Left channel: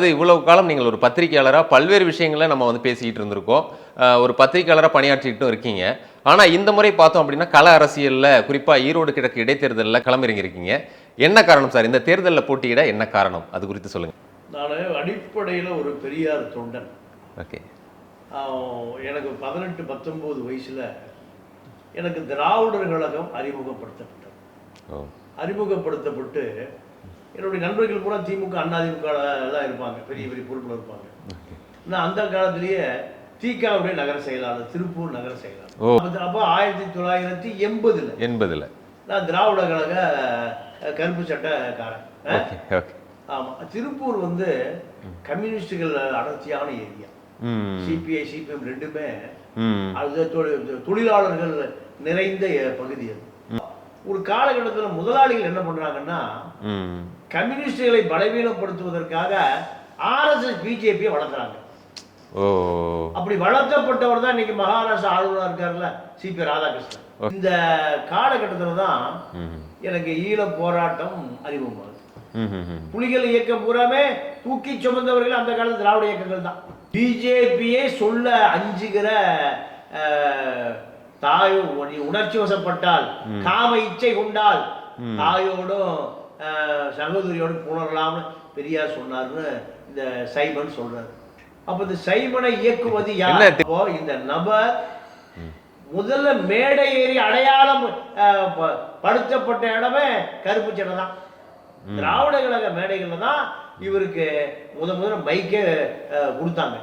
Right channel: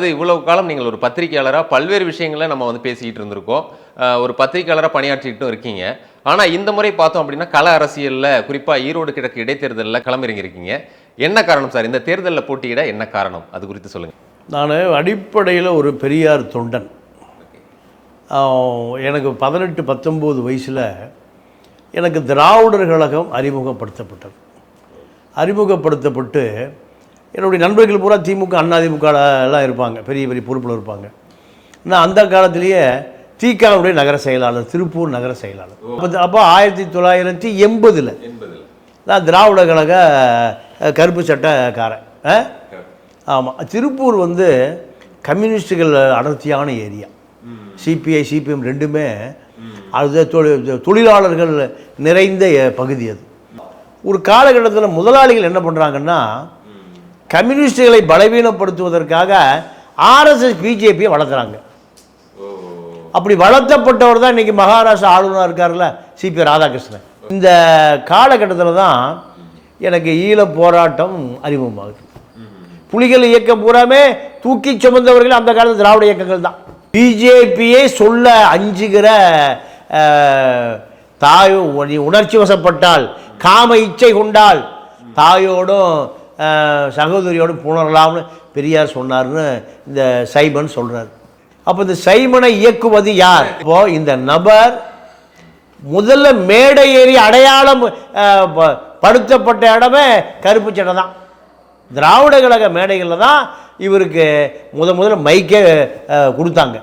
அது இவ்வளவு காலம் நீங்கள் ஒரு பத்திரிகையாளரா பல்வேறு விஷயங்களை நம்ம வந்து பேசிக்கிட்டு இருந்திருக்கோம். ஒரு பத்திரிகையாளரா பணியாற்றிட்டும் இருக்கீங்க. ஆனா இந்த முறை பார்த்தோம் அப்படின்னா, கள அரசியல்ல குறிப்பா ஈரோடு கிழக்கு இடைத்தேர்தல்ல களமிறங்கியிருக்கீங்க. என்ன காரணம் சார்? இந்த தேர்தல்ல போட்டியிட என்ன காரணம்? அது குறித்து சொல்லுங்க. நான் அடிப்படையில் ஒரு பெரியார் தொண்டன். ஓகே. எனக்கு 18, 19 வயசில் எனக்கு திராவிடர் கழகம் அறிமுகப்படுத்தப்பட்டது. அறிமுகப்படுத்தப்பட்டு என்னுடைய நண்பர்கள் பூரா திமுக, அதிமுக எல்லாம் இருப்பாங்க, பெரிய பெரிய பொறுப்பில் இருப்பாங்க. நான் அந்த காலத்திலேயே திகாவுடைய நகர செயலாளர், திருப்பூர் நகர செயலாளர். அப்போ 1980 நான் திராவிட கழக கருப்பு சட்டக்காரன். ஆமாம், திருப்பூர் வந்து கம்யூனிஸ்டுகள் அடர்த்தியான ஏரியா. சிபிஐ, சிபிஎம் ரெண்டுமே அது தொழிலாளர்கள் நிறைந்த பகுதி. அது ஒரு காலகட்டத்தில் முதலாளிகள் என்ன பண்ணுறாங்கன்னா, கம்யூனிஸ்டுகளை பலவீனப்படுத்துவதற்காக ஆர்எஸ்எஸ், பிஜேபியை வளர்க்குறாங்க. அப்படி வளர்த்தப்பட்டவர் தான் இன்னைக்கு மகாராஷ்டிரா ஆளுநராக இருக்காருல்ல, சிபி ராதாகிருஷ்ணன். இந்த காலகட்டத்தில் தான் எனக்கு ஈழ போராட்டம் அறிமுகமாகுது. புலிகள் இயக்கம் பூராமே தூக்கி சுமந்தவர்கள் அந்த காலத்து திராவிட இயக்கங்கள் தான். பிஜேபியை சொல்ல அஞ்சுகிற தாயோ, நீ உணர்ச்சி வசப்பட்டால், காம இச்சை கொண்டால் தாயோடும் சகோதரியோடும் புணரலாம்னு பெரியார் சொன்னார்னு இந்த சைமன் சொல்றாரு. அப்போ இந்த சைமனை இயக்குவது யார்? இப்போ இந்த நபர் முதல்ல மேடை ஏறி அடையாளம் படுத்தப்பட்ட இடமே கருப்பு சட்டை தான். திராவிட கழக மேடைகளில் தான் இவருக்கு முதல்ல மைக்கே கொடுத்தாங்க.